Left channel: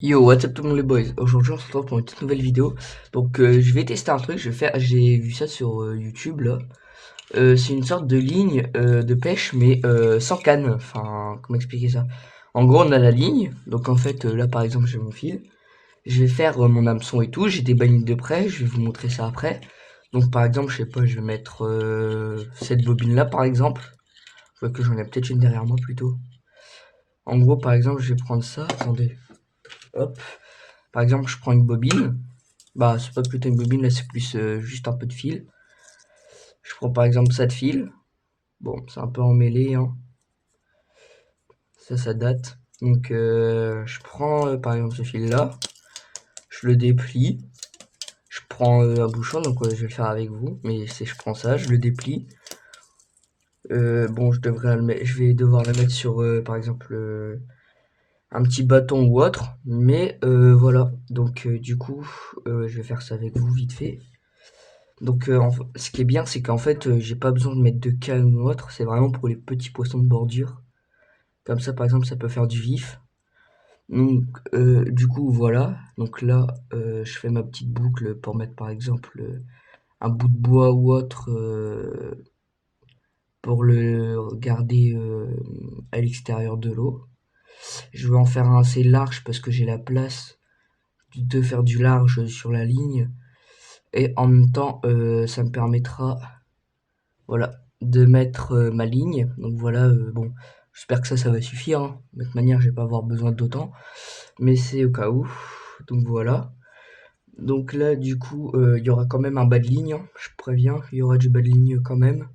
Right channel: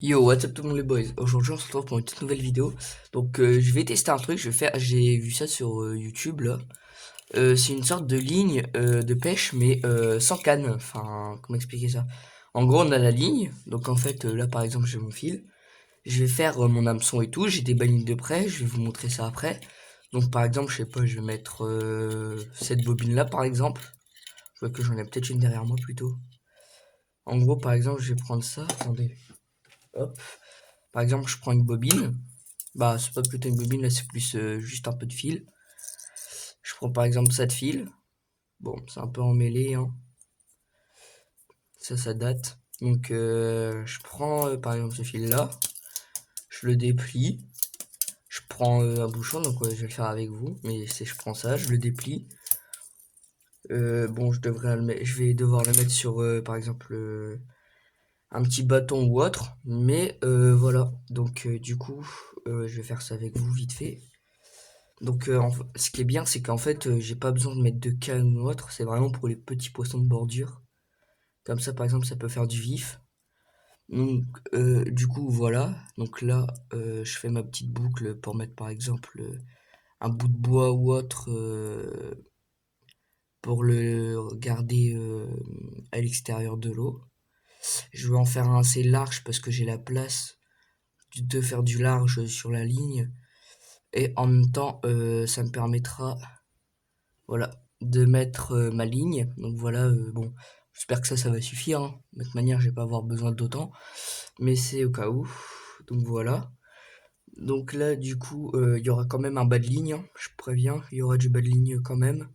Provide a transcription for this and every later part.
Yo, what's up tout le monde les boys? Aujourd'hui on se retrouve pour une toute nouvelle vidéo. Donc je vais tester un truc, j'ai vu ça sur YouTube là. C'est une sorte de ligne de pêche mais sans canne. Enfin, comment expliquer ça? En gros on a la ligne, donc en fait là par exemple j'ai mon fil. Je vais faire mon hameçon et tout, j'ai des balines de près, je vais vous montrer ça après. Donc par exemple, je sais pas, je vais mettre cette bobine là par exemple. Je vois que j'en ai peut-être une derrière moi plutôt. En gros par exemple je vais prendre ça, attendez, hop. Par exemple je prends une bobine. Bah, c'est pas plutôt une bobine, là, c'est plus juste un peu de fil. Je prends par exemple ça de fil. Bon, c'est un peu emmêlé, hein. Ça date. Donc, je prends par exemple ce fil-là. Je le déplie. Je prends un bouchon, donc je vais le faire avec vous. Mais c'est, je prends ça, je le déplie. Bon, je vais devoir le mettre sur, par exemple, un petit bâton ou autre. Mais voilà. Donc, du coup, je vais faire ça avec vous vite fait. Donc, ce qui est bien, c'est qu'en fait, j'ai pas besoin de mettre de canne ou autre. C'est vraiment pour les petits poissons de bordure. Comme ça, par exemple, ça peut faire du vif. Donc, du coup, voilà. Donc là, je fais ma petite boucle pour mettre, par exemple, un bout de bois ou autre pour le garder à l'extérieur de l'eau. Je vais en faire un assez large parce que j'ai la place de faire du large sur la ligne. Et en même temps, ça me permettra, voilà, de mettre ma ligne. Donc voilà, bon, j'espère que ça va suffire, hein. De toute manière, je vais pas avoir besoin d'autant, mais c'est au cas où. Donc voilà. Donc là, du coup, il y aura quand même un bas de ligne, hein. Je préviens, il y aura du bas de ligne quand même.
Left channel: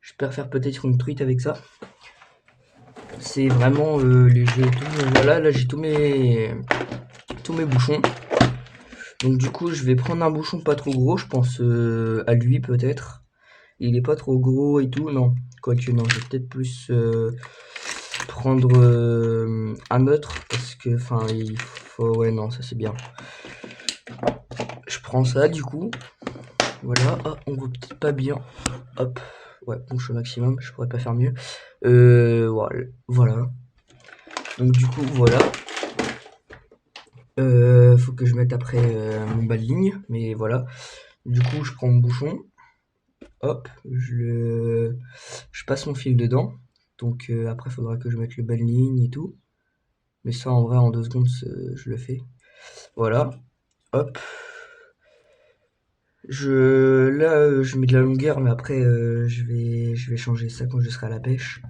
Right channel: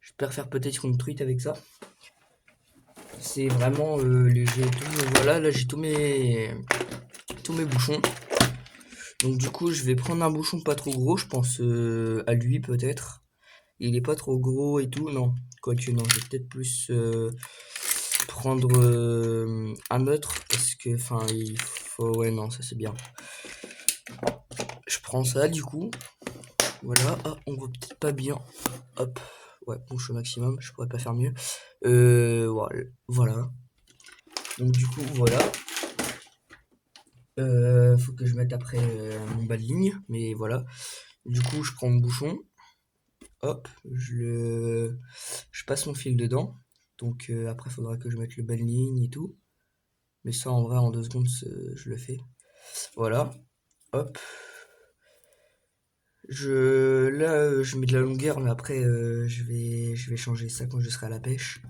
J'espère faire peut-être une truite avec ça. C'est vraiment léger et tout. Voilà, là j'ai tous mes bouchons. Donc du coup, je vais prendre un bouchon pas trop gros, je pense à lui peut-être. Il est pas trop gros et tout, non. Quoique non, je vais peut-être plus prendre un autre parce que, enfin, il faut, ouais, non, ça c'est bien. Je prends ça du coup, voilà. Ah, on voit peut-être pas bien. Hop, ouais, bouche au maximum, je pourrais pas faire mieux. Voilà. Donc du coup, voilà. Faut que je mette après mon bas de ligne, mais voilà. Du coup, je prends mon bouchon, hop, je passe mon fil dedans. Donc après, il faudra que je mette le bas de ligne et tout. Mais ça, en vrai, en 2 secondes, je le fais. Voilà, hop. Là, je mets de la longueur, mais après, je vais changer ça quand je serai à la pêche.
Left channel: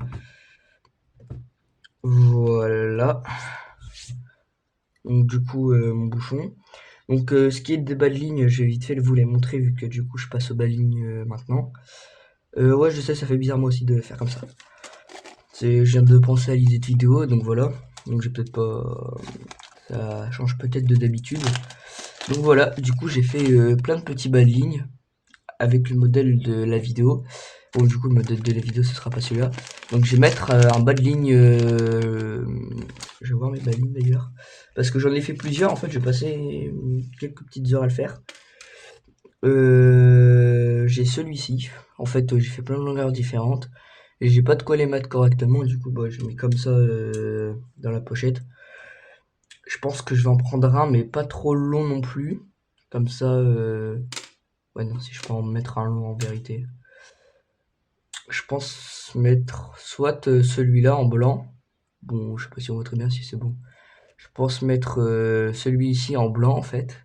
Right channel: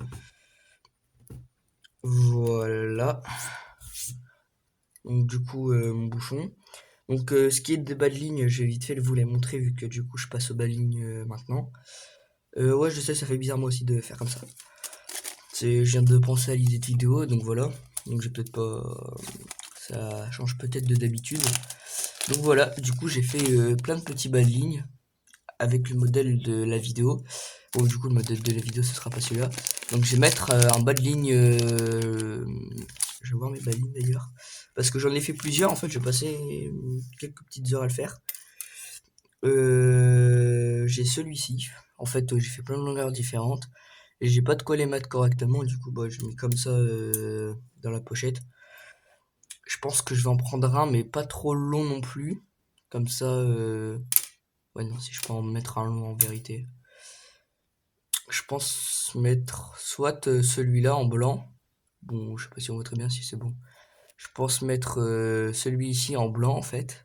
Voilà. Donc du coup, mon bouchon. Donc ce qui est des bas de ligne, je vais vite fait vous les montrer vu que du coup je passe aux bas de ligne maintenant. Ouais, je sais, ça fait bizarre moi aussi de faire comme ça. Je viens de penser à l'idée de vidéo, donc voilà. Donc j'ai peut-être pas, ça change peut-être de d'habitude. Donc voilà, du coup j'ai fait plein de petits bas de ligne avec le modèle de la vidéo. Bon, du coup le modèle de la vidéo ce sera pas celui-là. Donc je vais mettre un bas de ligne. Je vais voir mes bas de ligne d'ailleurs. Parce que j'en ai fait plusieurs, en fait je vais passer quelques petites heures à le faire. J'ai celui-ci. En fait, j'ai fait plein de longueurs différentes. Et j'ai pas de quoi les mettre correctement. Du coup, bah, je mets comme ça dans la pochette. Je pense que je vais en prendre un, mais pas trop long non plus. Comme ça, ouais, non, si je peux en mettre un long en vérité. Je pense mettre soit celui-là en blanc. Bon, je sais pas si on voit très bien si c'est bon. Je pense mettre celui-ci en blanc en fait.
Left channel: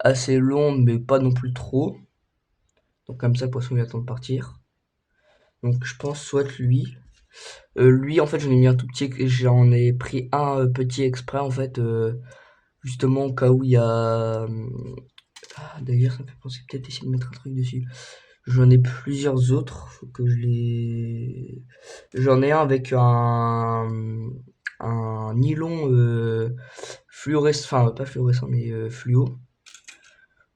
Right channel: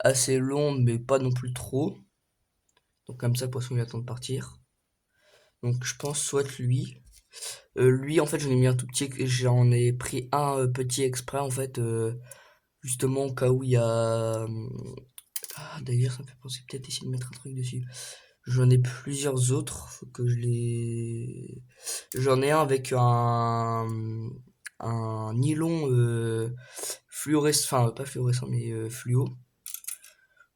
Assez long, mais pas non plus trop. Donc comme ça, le poisson il attend de partir. Donc je pense soit lui. Lui, en fait, j'en ai mis un tout petit, j'en ai pris un petit exprès, en fait, justement au cas où il y a. Ah, d'ailleurs, ça me fait penser peut-être essayer de mettre un truc dessus. J'en ai plusieurs autres, faut que je les. J'en ai un avec un nylon fluorescent, enfin pas fluorescent, mais fluo.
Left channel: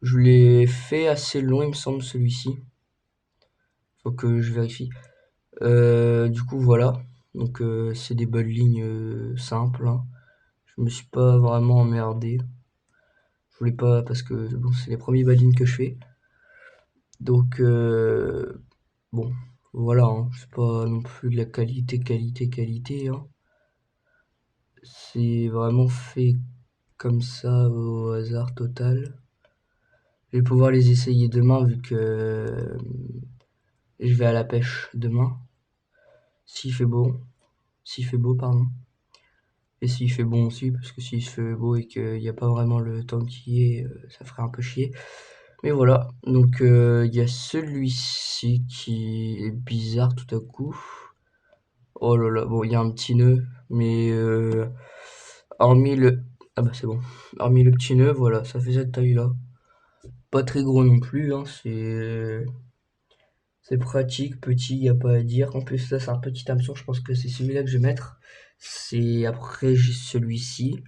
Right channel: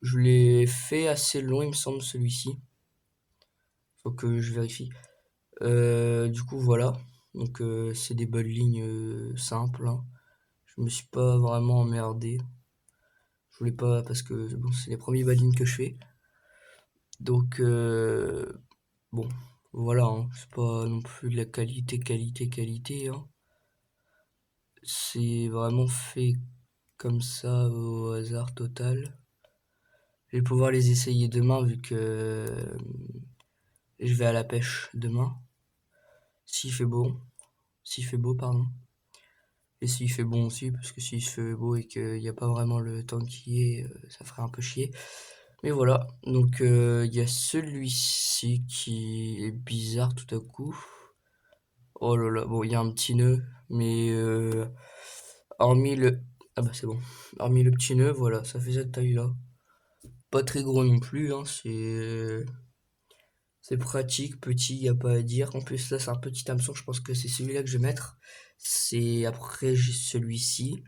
Je l'ai fait assez long, il me semble, celui-ci. Faut que je vérifie. Du coup, voilà. Donc, c'est des bonnes lignes simples, hein. Je me suis pas vraiment emmerdé. Je voulais pas parce que bon, c'est les premiers ballines que je fais. Donc, bon, voilà, hein. C'est pas non plus de la qualité, qualité, qualité, hein. C'est vraiment fait comme ça au hasard total. Je vais pouvoir les essayer demain vu que je vais à la pêche demain. S'il fait beau. S'il fait beau, pardon. Et s'il fait bon aussi, parce que s'il se fait beau et qu'il n'y a pas vraiment le temps qui est, ça ferait un peu chier. Mais voilà, donc il y a celui-ci qui est bizarre tout à coup. Oh là là, bon, il y a un petit nœud, mais hormis le... Ah bah c'est bon. Hormis le petit nœud, voilà, ça fait cette taille-là. Pas très gros non plus, hein, c'est pratique, petit, y a pas à dire. En plus là c'est un petit hameçon, je pense que c'est celui-là que je vais mettre. C'est après j'ai celui-ci.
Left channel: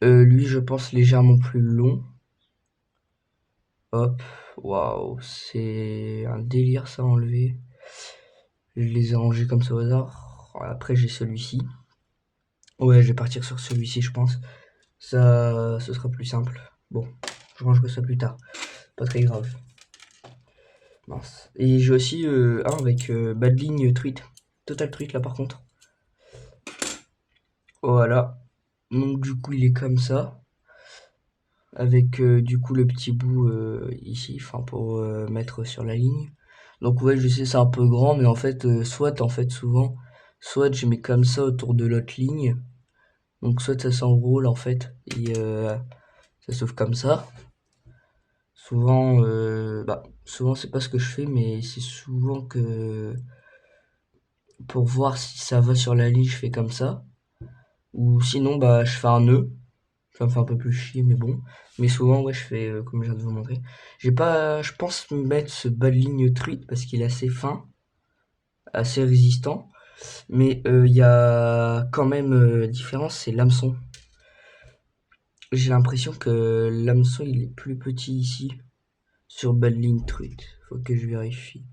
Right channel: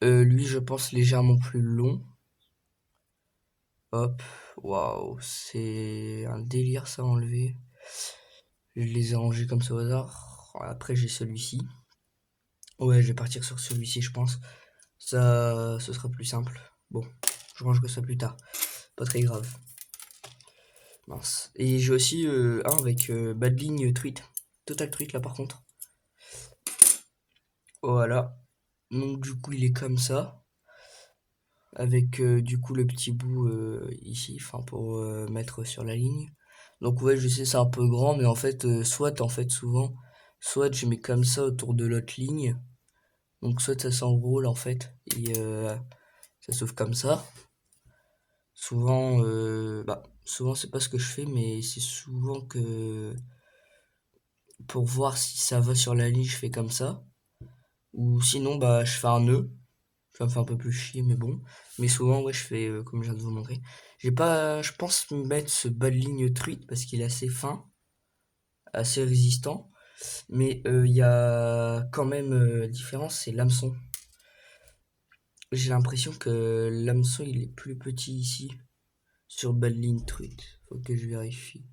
Lui je pense légèrement plus long. Hop, waouh, c'est un délire ça à enlever. Je les ai rangés comme ça au hasard. Après j'ai celui-ci. Ouais, je vais partir sur celui-ci je pense. Ça, ce sera plus simple. Bon, je rangerai ça plus tard. Pas très grave. Mince. Et j'ai aussi un avec bas de ligne truite. Total truite là par contre. Voilà. Donc du coup il est comme ça. Avec du coup le petit bout ici, enfin pour mettre sur la ligne. Donc ouais je sais c'est un peu grand mais en fait souvent, soit je mets comme ça autour de l'autre ligne. Donc soit ça s'enroule en fait et ça s'ouvre comme ça. Souvent c'est pas ce que je fais mais c'est souvent que pour voir si ça va sur la ligne je fais comme ça. Ou sinon bah je fais un nœud. Ça me fait un peu plus chier, mais bon. Mais souvent, ouais, je fais comme je viens de vous montrer. J'ai pas, je pense mettre ce bas de ligne truite parce qu'il est assez fin, assez résistant. Mais il y a quand même différence, c'est l'hameçon. J'ai l'impression que l'hameçon il est plus petit ici sur le bas de ligne truite. Faut que je vérifie.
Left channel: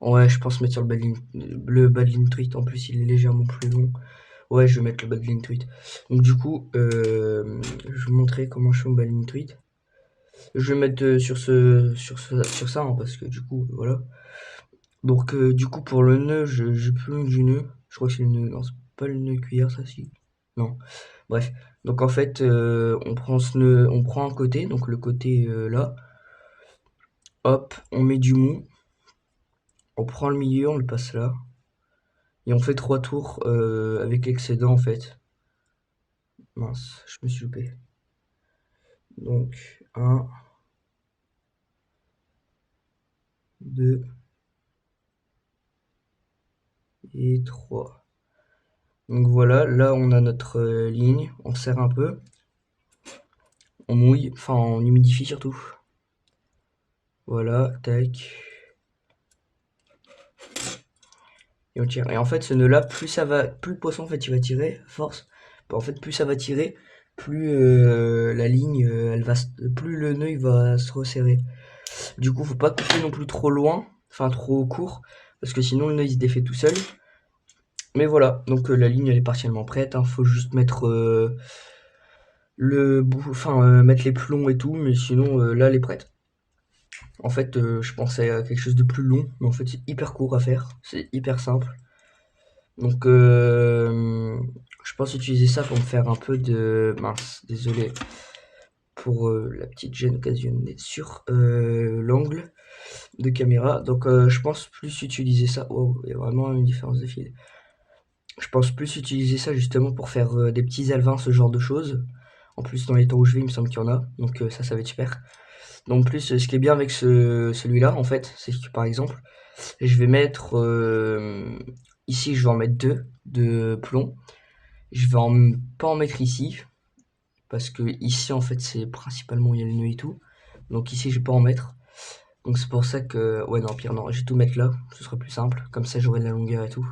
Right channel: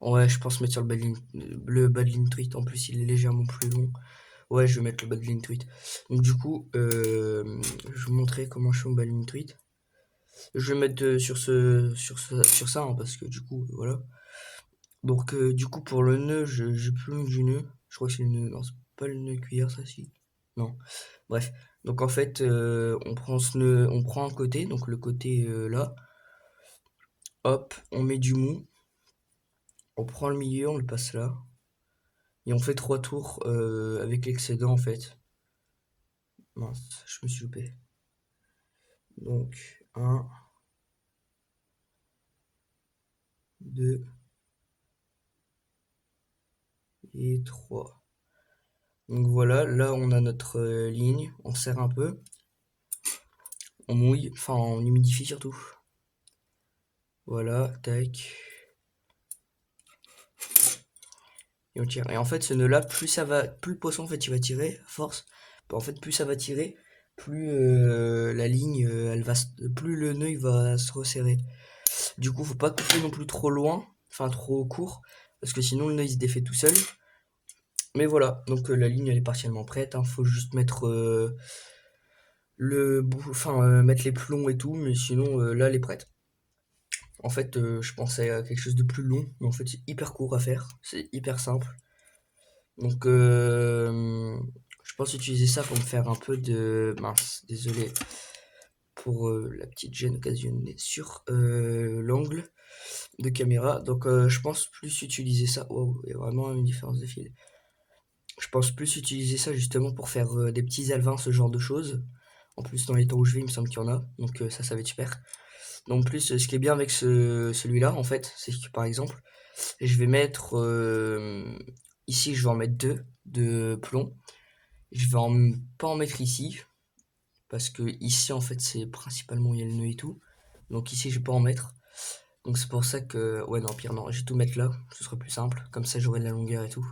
Ouais, je pense mettre sur le bas de ligne truite. En plus, il est légèrement plus long. Ouais, je vais mettre le bas de ligne truite. Donc du coup, je vais vous montrer comment je fais mon bas de ligne truite. Je vais mettre sur ça, hein, parce que du coup, voilà. Donc, du coup, pour le nœud, j'ai plus loin du nœud. Je crois que c'est le nœud. Non, c'est pas le nœud cuillère, ça, si. Non. Bref. Donc, en fait, on prend ce nœud, on prend un côté, donc le côté là. Hop, on met du mou. On prend le milieu, on le passe là. Et on fait 3 tours avec l'excédent, en fait. Mince, je me suis loupé. Donc, 1, 2 et 3. Donc voilà, là on a notre ligne, on serre un peu, on mouille, enfin on humidifie surtout. Voilà, tac. Et on tire. Et en fait ce nœud là, plus le poisson en fait il va tirer, à force, bah, en fait plus ça va tirer, plus la ligne, plus le nœud il va se resserrer. Du coup faut pas couper non plus trop loin, enfin trop court, parce que sinon le nœud il se défait tout seul. Mais voilà, donc la ligne elle est partiellement prête, hein. Faut juste mettre mettre les plombs et tout, mais sinon là elle est prête. En fait, je pensais à quelque chose de plus long, mais en fait c'est hyper court à faire, c'est hyper simple. Donc je pense utiliser ça pour me faire un peu de... Mince, désolé pour la petite gêne occasionnée sur l'angle de caméra. Donc je pense plus utiliser ça... Oh, il y a vraiment une différence de fil. Je pense plus utiliser ça justement pour faire des petits alevins, ce genre de choses. En plus, dans les temps où je vais, il me semble qu'il y en a. Donc ça va être super. Donc plus, ce qui est bien avec celui-là, en fait, c'est que par exemple, je vais mettre... ici, je vais en mettre deux de plomb. Je vais pas en mettre ici. Parce que ici, en fait, c'est principalement où il y a le nœud et tout. Donc ici, je vais pas en mettre. Donc c'est pour ça que... Ouais, non, pire, non. Je vais tout mettre là. Ce sera plus simple. Comme ça, j'aurai de la longueur et tout.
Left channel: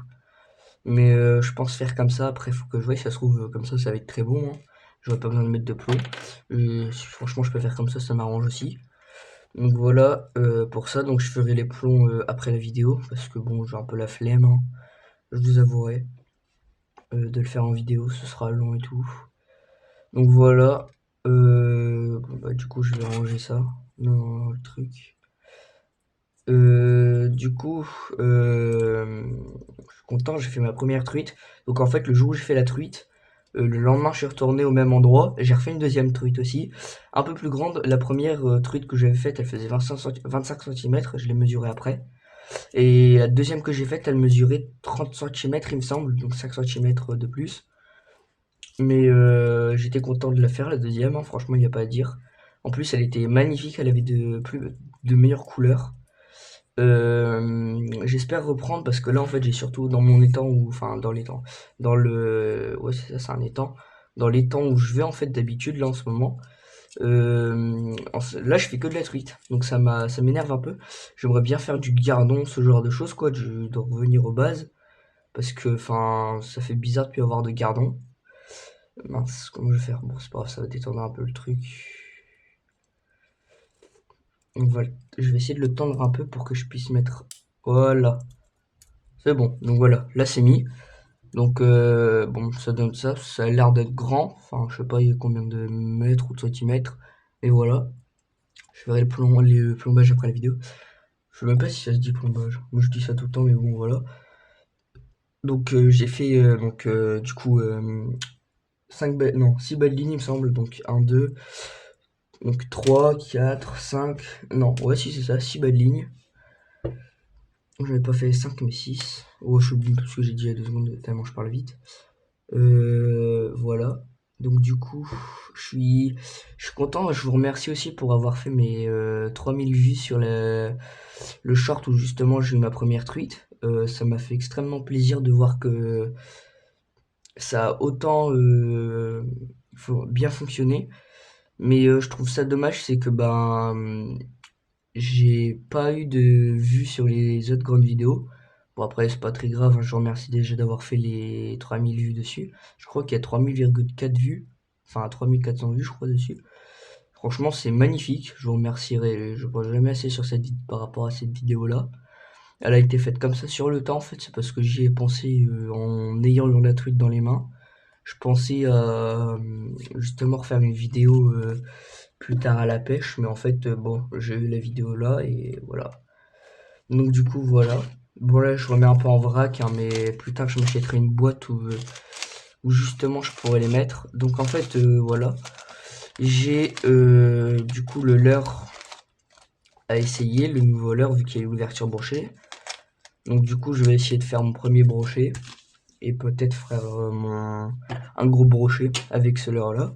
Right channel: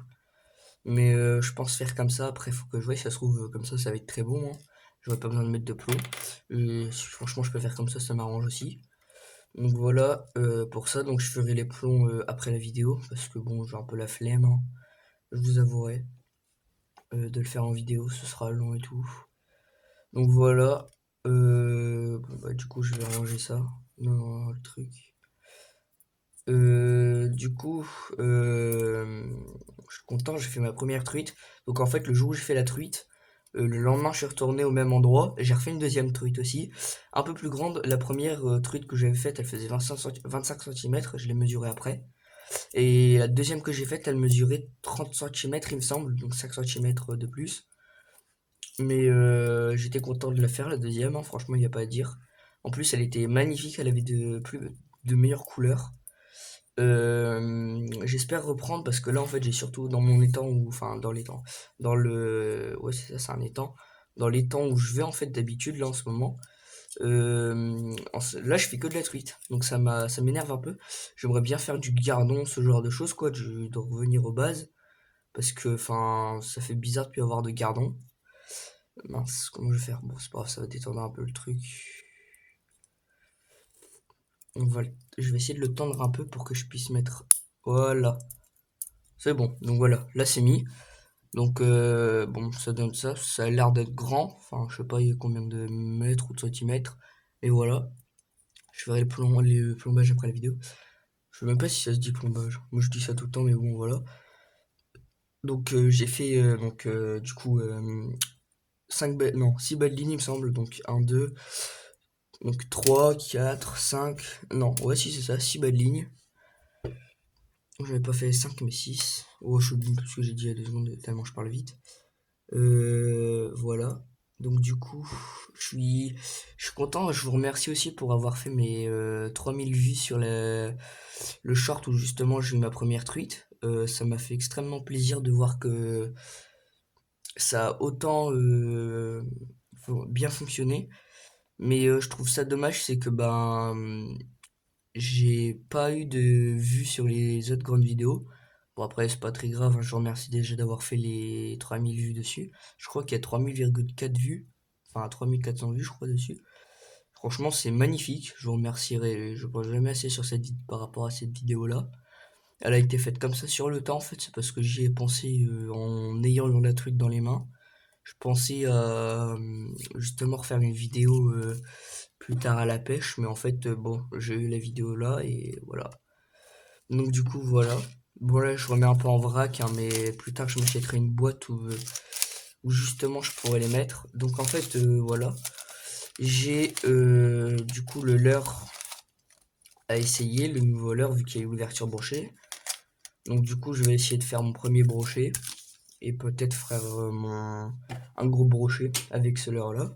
Mais je pense faire comme ça. Après, faut que je voie si ça se trouve comme ça va être très bon. Hein. J'aurais pas besoin de mettre de plomb. Et franchement, je peux faire comme ça m'arrange aussi. Donc voilà pour ça. Donc je ferai les plombs après la vidéo. Parce que bon, j'ai un peu la flemme. Hein. Je vous avouerai. De le faire en vidéo, ce sera long et tout. Donc voilà. Bon, bah, du coup, je vais ranger ça dans le truc. Du coup, je suis content, j'ai fait ma première truite. Donc en fait, le jour où j'ai fait la truite, le lendemain, je suis retourné au même endroit. J'ai refait une deuxième truite aussi, un peu plus grande. La première truite que j'avais faite, elle faisait 25 centimètres. Je l'ai mesurée après. Et la deuxième que j'ai faite, elle mesurait 30 centimètres, il me semble, donc 5 centimètres de plus. Mais j'étais content de la faire, la deuxième, hein, franchement, il n'y a pas à dire. En plus, elle était magnifique, elle avait de meilleures couleurs. J'espère reprendre parce que là, en fait, j'ai surtout dans mon étang, ou enfin, dans l'étang, ouais, c'est ça, c'est un étang. Dans l'étang où je vais, en fait, d'habitude, là, en ce moment, là, je fais que de la truite. Donc, ça m'énerve un peu. J'aimerais bien faire du gardon, ce genre de choses, quoi, de revenir aux bases. Parce que, enfin, ça fait bizarre de plus avoir de gardon. Mince, comment je vais faire? Bon, c'est pas grave, ça va détendre un peu le truc. Donc voilà, je vais essayer de le tendre un peu pour que je puisse mettre... Voilà, c'est bon. Donc voilà, là c'est mis. Donc bon, ça donne ça. Ça a l'air d'être grand. Enfin, je sais pas il y a combien de mètres ou de centimètres. Mais voilà, je ferai le plombage après la vidéo. Je sais même pas si ça se dit plombage. Moi je dis ça tout le temps, mais bon, voilà. Donc j'ai fait du coup 6 belles lignes, il me semble. Donc un 2 donc 3 4 5 non, ouais, si c'est ça, 6 belles lignes. J'avais pas fait 5 mais 6. Oh, je suis oublié parce que j'ai dit il y a 2 secondes, tellement je parle vite. Voilà. Donc du coup, je suis content. Je vous remercie aussi pour avoir fait mes 3000 vues sur le short où justement j'ai eu ma première tweet. Ça m'a fait extrêmement plaisir de voir que ça a autant bien fonctionné. Mais je trouve ça dommage, c'est que j'ai pas eu de vues sur les autres grandes vidéos. Bon après c'est pas très grave, hein, je vous remercie déjà d'avoir fait les 3000 vues dessus. Je crois qu'il y a 3000,4 vues, enfin 3400 vues je crois dessus. Franchement c'est magnifique, je vous remercierai, je ne pourrai jamais assez sur par rapport à cette vidéo là. Elle a été faite comme ça sur le temps en fait, c'est parce que j'y ai pensé en ayant la truite dans les mains. Je pensais justement refaire une vidéo plus tard à la pêche, mais en fait, bon, j'ai eu la vidéo là et voilà. Donc du coup, voilà. Bon là, je remets un peu en vrac, hein, mais plus tard, je m'achèterai une boîte où justement je pourrais les mettre. Donc en fait, voilà. J'ai du coup le leurre à essayer, le nouveau leurre, vu qu'il y a l'ouverture brochet. Donc du coup, je vais essayer de faire mon premier brochet et peut-être faire un gros brochet avec ce leurre là.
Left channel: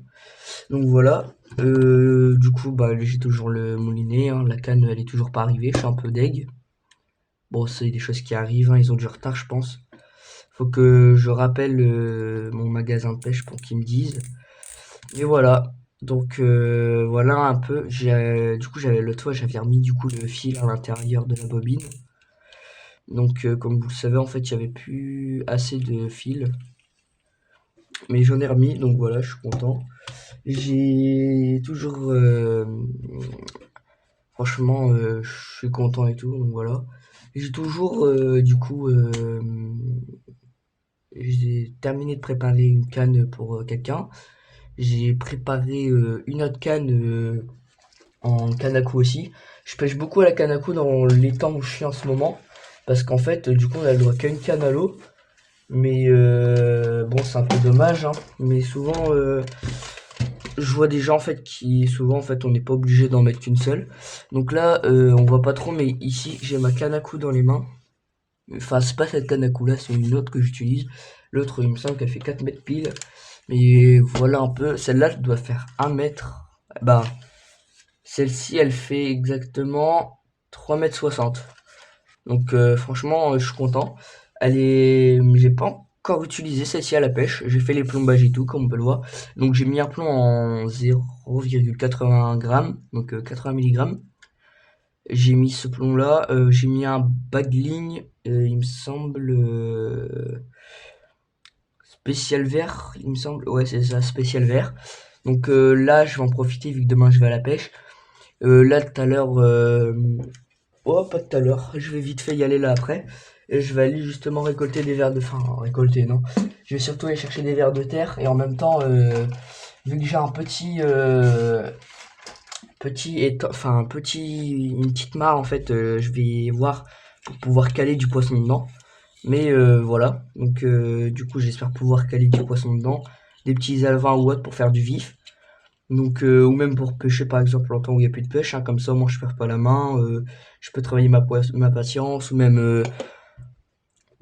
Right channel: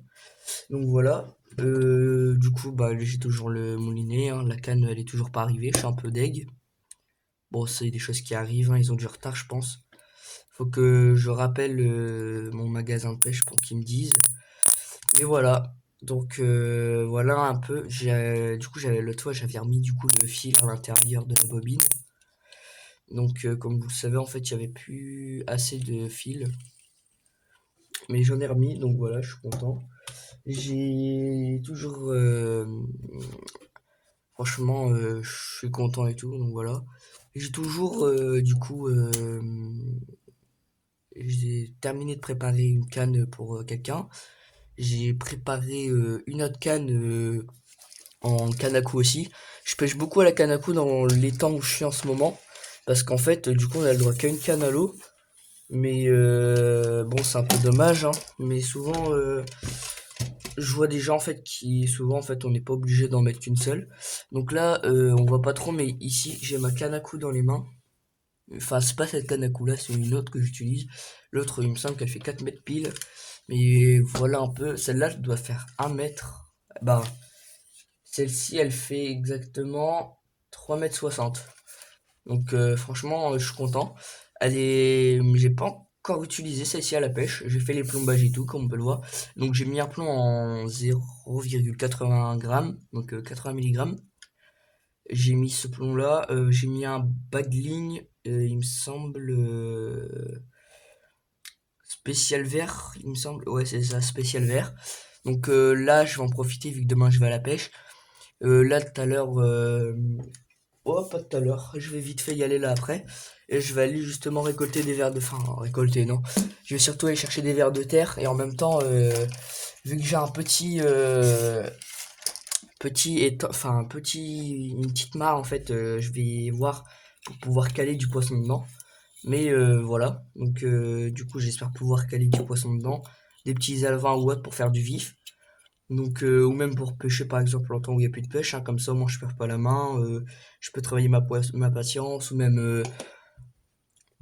Donc voilà. Du coup, j'ai toujours le moulinet, hein, la canne elle est toujours pas arrivée, je suis un peu deg. Bon, c'est des choses qui arrivent, hein, ils ont du retard, je pense. Faut que je rappelle mon magasin de pêche pour qu'ils me disent. Et voilà. Donc voilà un peu. Du coup, j'avais l'autre fois, j'avais remis du coup le fil à l'intérieur de la bobine. Donc comme vous le savez, en fait, il n'y avait plus assez de fil. Mais j'en ai remis, donc voilà, je suis content. J'ai toujours franchement, je suis content et tout, donc voilà. J'ai toujours, j'ai terminé de préparer une canne pour quelqu'un. J'ai préparé une autre canne en canne à coups aussi. Je pêche beaucoup à la canne à coups dans les temps où je suis en ce moment. Parce qu'en fait, du coup, on a le droit qu'à une canne à l'eau. Mais bon, c'est un peu dommage, hein. Mais souvent, je vois des gens en fait qui souvent en fait on n'est pas obligé d'en mettre qu'une seule. Donc là on voit pas trop, mais ici j'ai ma canne à coups dans les mains. Enfin c'est pas cette canne à coups là, c'est une autre que j'utilise. L'autre il me semble qu'elle fait 4 mètres pile. Mais voilà un peu, celle-là doit faire 1 mètre. Bah celle-ci elle fait exactement 3 mètres 60. Donc franchement je suis content. J'ai pas encore utilisé celle-ci à la pêche. J'ai fait les plombages et tout, comme on peut le voir. Donc j'ai mis un plomb en 0,80 g, donc 80 mg. J'ai mis ce plomb-là. J'ai mis un bagling, il me semble spécial vert, il me semble. Ouais, c'est ça, spécial vert. Donc là, je vais en profiter vu que demain je vais à la pêche. Là, tout à l'heure, oh, pas tout à l'heure. Je vais vite fait y aller là après. Et je vais aller justement récolter des vers de... Enfin, récolter, non. Je vais surtout aller chercher des vers de terre. Et en même temps, vu que j'ai un une petite mare, en fait, je vais voir pour pouvoir caler du poisson dedans. Mais voilà, donc du coup j'espère pouvoir caler du poisson dedans, des petits alevins ou autres pour faire du vif. Donc, ou même pour pêcher par exemple en temps où il n'y a plus de pêche, hein, comme ça moi je perds pas la main, je peux travailler ma patience ou même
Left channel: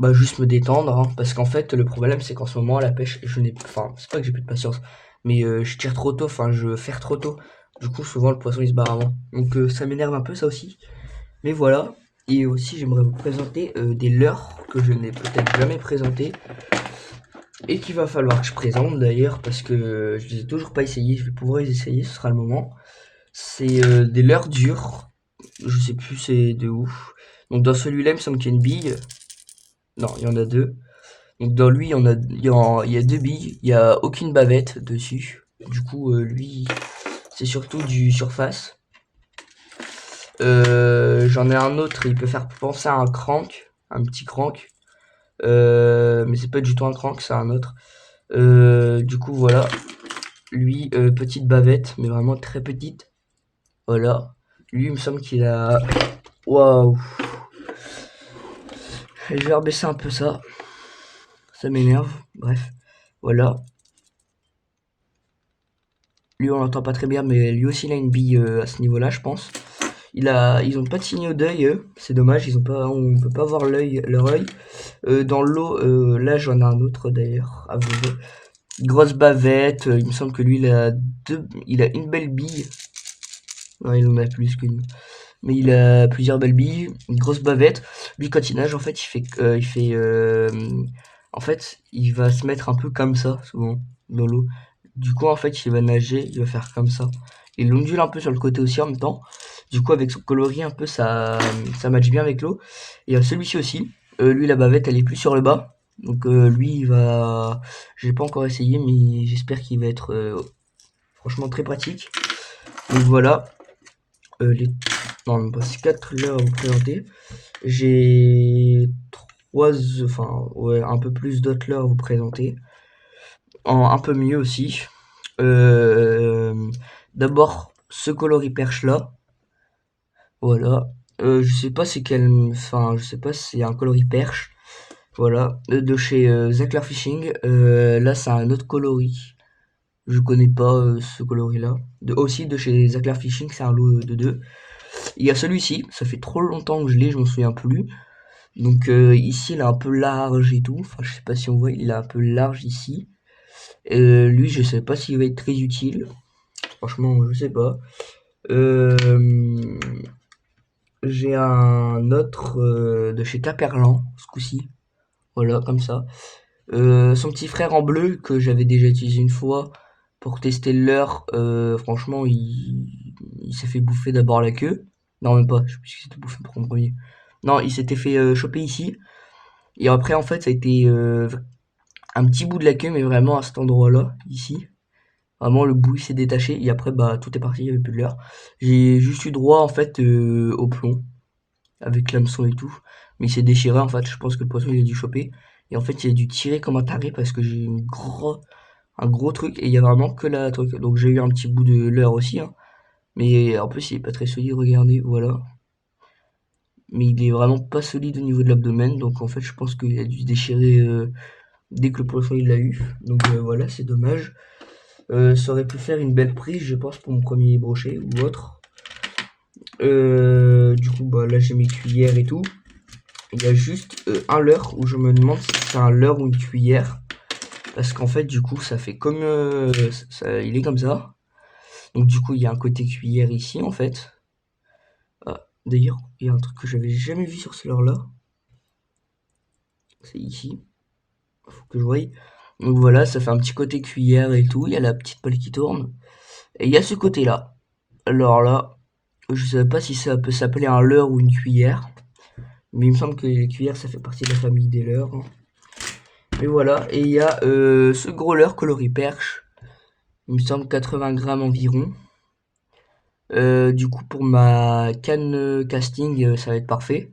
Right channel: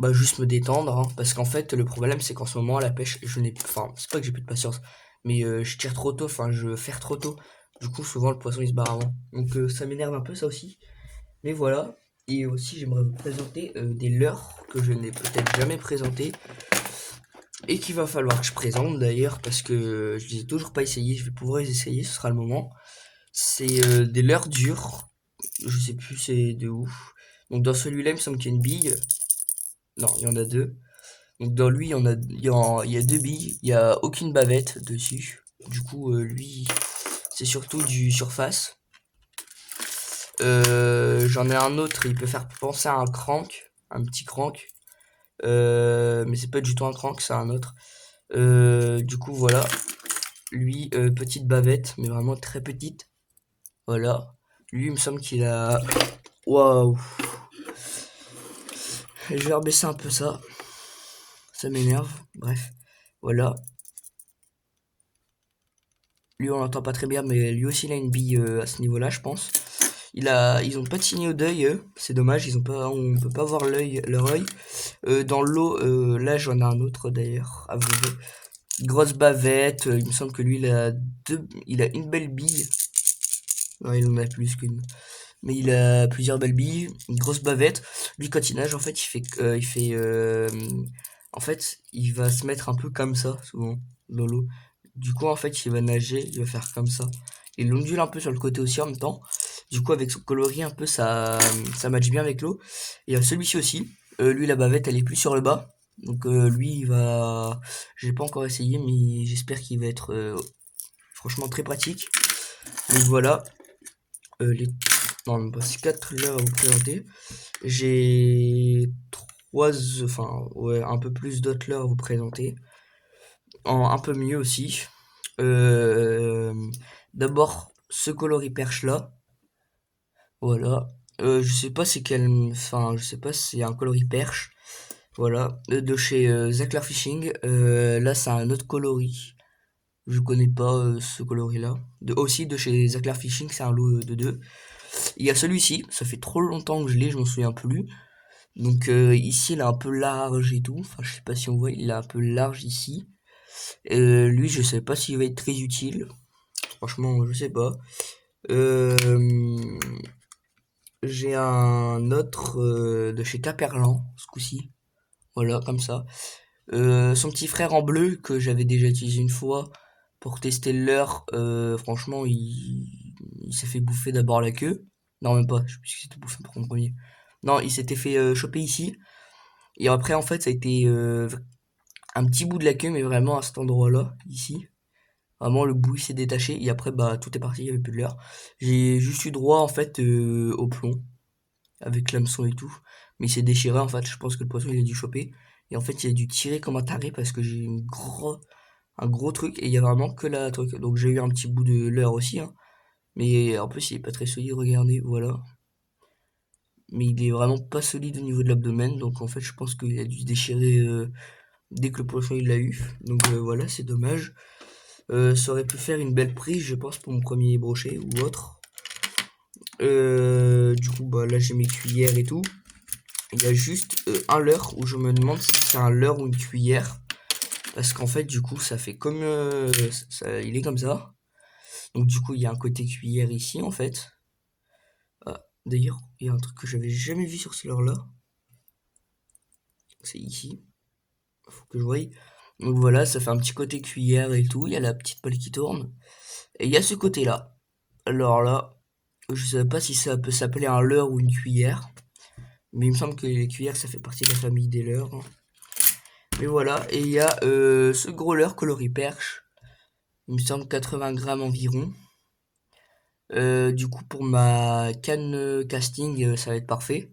bah, juste me détendre, hein, parce qu'en fait le problème c'est qu'en ce moment la pêche, enfin c'est pas que j'ai plus de patience, mais je tire trop tôt, enfin je ferre trop tôt, du coup souvent le poisson il se barre avant, donc ça m'énerve un peu ça aussi, mais voilà. Et aussi j'aimerais vous présenter des leurres que je n'ai peut-être jamais présentées et qu'il va falloir que je présente d'ailleurs parce que je les ai toujours pas essayés, je vais pouvoir les essayer, ce sera le moment. C'est des leurres dures. Je sais plus c'est de où. Donc dans celui-là, il me semble qu'il y a une bille. Non, il y en a deux. Donc dans lui, il y a deux billes. Il y a aucune bavette dessus. Du coup, lui, c'est surtout du surface. J'en ai un autre, il peut faire penser à un crank, un petit crank. Mais c'est pas du tout un crank, c'est un autre. Du coup, voilà. Lui, petite bavette, mais vraiment très petite. Voilà. Lui, il me semble qu'il a... Waouh. Je vais rebaisser un peu ça. Ça m'énerve. Bref. Voilà. Lui, on l'entend pas très bien, mais lui aussi, il a une bille à ce niveau-là, je pense. Ils ont pas de signaux d'œil, eux. C'est dommage, on peut pas voir leur œil. Dans l'eau, là, j'en ai un autre d'ailleurs. À vous dire. Grosse bavette. Il me semble que lui, il a une belle bille. Non, il en a plus qu'une. Mais il a plusieurs belles billes, une grosse bavette. Lui, quand il nage, en fait, en fait, il va se mettre un peu comme ça, souvent, dans l'eau. Du coup, en fait, il va nager, il va faire comme ça. Il ondule un peu sur le côté aussi en même temps. Du coup, avec son coloris un peu, ça matche bien avec l'eau. Et celui-ci aussi. Lui, la bavette, elle est plus sur le bas. Donc, lui, j'ai pas encore essayé, mais j'espère qu'il va être franchement très pratique. Donc voilà. Les Non, il me reste 4 là à vous présenter. J'ai enfin, ouais, un peu plus d'autres là à vous présenter. Un peu mieux aussi. Euh, D'abord, ce coloris perche là. Voilà. Je sais pas c'est quel. Enfin, je sais pas si c'est un coloris perche. Voilà. De chez Zachlar Fishing. Là, c'est un autre coloris. Je connais pas ce coloris là. Aussi de chez Zachlar Fishing, c'est un lot de deux. Il y a celui-ci, ça fait trop longtemps que je l'ai, je m'en souviens plus. Donc ici, il est un peu large et tout. Enfin, je sais pas si on voit, il est un peu large ici. Lui, je sais pas s'il va être très utile. Franchement, je sais pas. Euh, j'ai un autre de chez Caperlan, ce coup-ci. Voilà, comme ça. Son petit frère en bleu, que j'avais déjà utilisé une fois pour tester le leurre. Franchement, il s'est fait bouffer d'abord la queue. Non, même pas, je sais plus s'il s'était bouffé pour en premier. Non, il s'était fait choper ici. Et après, en fait, ça a été un petit bout de la queue, mais vraiment à cet endroit-là, ici. Vraiment, le bout il s'est détaché. Et après, bah, tout est parti, il n'y avait plus de leurre. J'ai juste eu droit, en fait, au plomb, avec l'hameçon et tout. Mais il s'est déchiré, en fait. Je pense que le poisson, il a dû choper. Et en fait, il a dû tirer comme un taré parce que j'ai un gros truc. Et il y a vraiment que la truc. Donc, j'ai eu un petit bout de leurre aussi, hein. Mais en plus, il est pas très solide, regardez, voilà. Mais il est vraiment pas solide au niveau de l'abdomen. Donc, en fait, je pense qu'il a dû se déchirer dès que le poisson il l'a eu. Donc voilà, c'est dommage. Ça aurait pu faire une belle prise, je pense, pour mon premier brochet ou autre. Du coup, bah, là j'ai mes cuillères et tout. Il y a juste un leurre où je me demande si c'est un leurre ou une cuillère. Parce qu'en fait, du coup, ça fait comme. Il est comme ça. Donc, du coup, il y a un côté cuillère ici, en fait. Ah, d'ailleurs, il y a un truc que j'avais jamais vu sur ce leurre-là. C'est ici. Faut que je voie. Donc voilà, ça fait un petit côté cuillère et tout. Il y a la petite pelle qui tourne. Et il y a ce côté-là. Alors là, je sais pas si ça peut s'appeler un leurre ou une cuillère. Mais il me semble que les cuillères, ça fait partie de la famille des leurres, hein. Mais voilà, et il y a ce gros leurre coloris perche. Il me semble 80 grammes environ. Du coup, pour ma canne casting, ça va être parfait.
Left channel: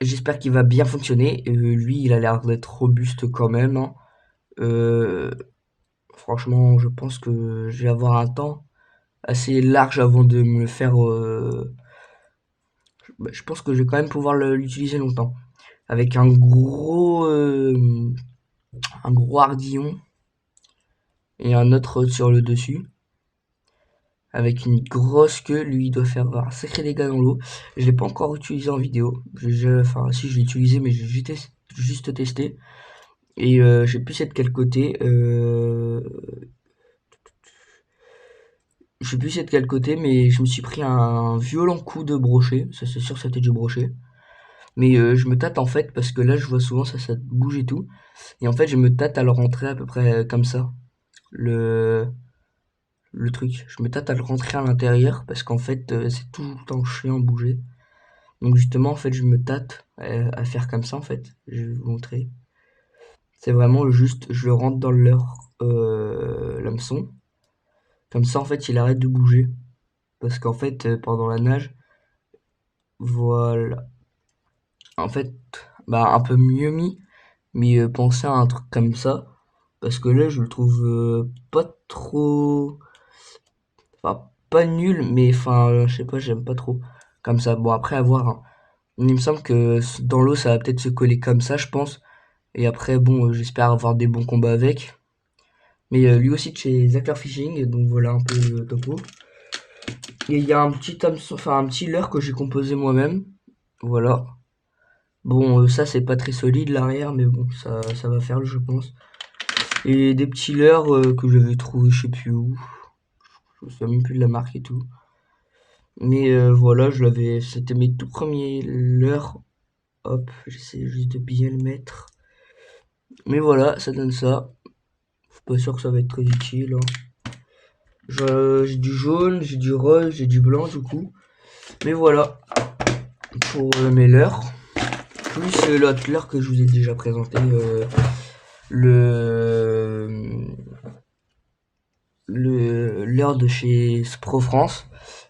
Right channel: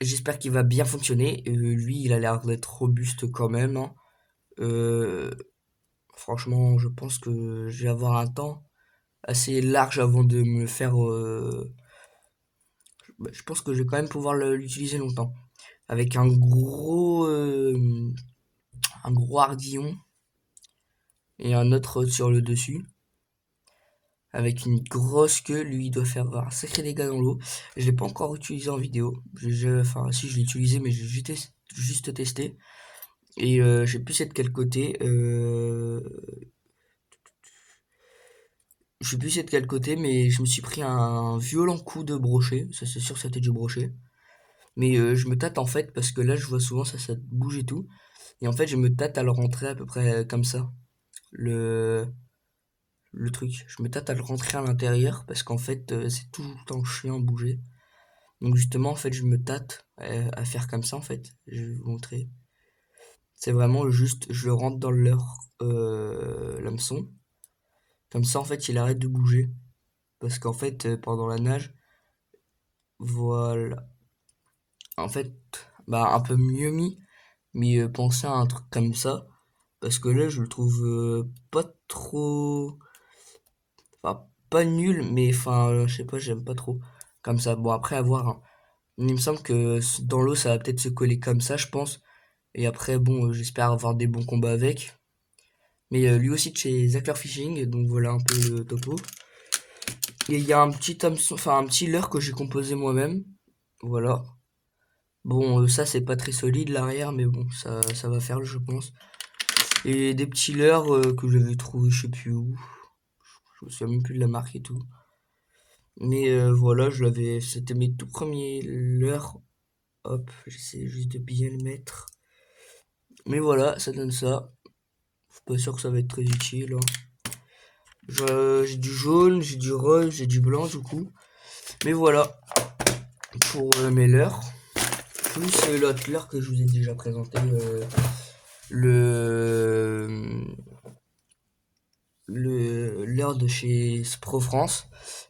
J'espère qu'il va bien fonctionner. Lui, il a l'air d'être robuste quand même, hein. Euh, Franchement, je pense que je vais avoir un temps assez large avant de me faire. Bah, je pense que je vais quand même pouvoir l'utiliser longtemps. avec un gros hardillon et un autre sur le dessus. Avec une grosse queue, lui il doit faire un sacré dégât dans l'eau. Je l'ai pas encore utilisé en vidéo. Enfin si je l'ai utilisé mais j'ai juste testé. Et je sais plus c'est de quel côté. Je sais plus c'est de quel côté, mais je me suis pris un violent coup de brochet. Ça c'est sûr c'était du brochet. Mais je me tâte en fait parce que là je vois souvent ça bouge et tout. Et en fait je me tâte à le rentrer à peu près comme ça. Le, le truc. Je me tâte à le rentrer à l'intérieur parce qu'en fait c'est tout le temps chiant à bouger. Donc justement en fait je me tâte à faire comme ça en fait. Je vais vous montrer. C'est vraiment juste je le rentre dans le leurre l'hameçon. Comme ça en fait il arrête de bouger. Parce qu'en fait pendant la nage, voilà. En fait, bah un peu mieux mis, mais pensez à un truc comme ça. Parce que là je le trouve pas trop. Enfin pas nul, mais enfin je sais pas, j'aime pas trop. Comme ça. Bon après à voir, hein. Il me semble que dans l'eau ça va peut-être se coller comme ça je pense. Et après bon j'espère avoir des bons combats avec. Mais lui aussi de chez Zackler Fishing, donc voilà un peu le topo. Et il y a un petit hameçon, enfin un petit leurre que j'ai composé moi-même. Voilà. Bon, ça c'est pas très solide l'arrière, mais bon, ça va faire, je pense. Et des petits leurres que j'avais trouvé je sais plus où. Je me souviens même plus de la marque et tout. Mais voilà, c'était mes tout premiers leurres. Hop, j'essaie juste de bien le mettre. Mais voilà, ça donne ça. Je suis pas sûr que ça va être très utile, hein. J'ai du jaune, j'ai du rose, j'ai du blanc du coup. Mais voilà, pour mes leurres. Plus l'autre leurre que je vous ai déjà présenté, le l'heure de chez Spro France.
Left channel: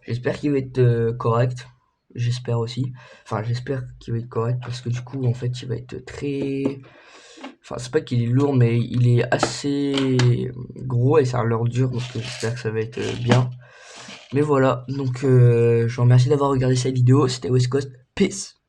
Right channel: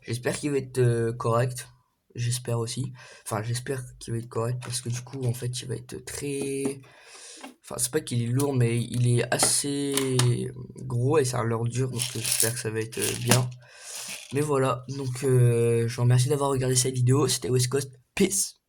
J'espère qu'il va être correct. J'espère aussi. Enfin, j'espère qu'il va être correct parce que du coup, en fait, il va être très. Enfin, c'est pas qu'il est lourd, mais il est assez gros et c'est un leurre dur, donc j'espère que ça va être bien. Mais voilà, donc je vous remercie d'avoir regardé cette vidéo. C'était West Coast. Peace!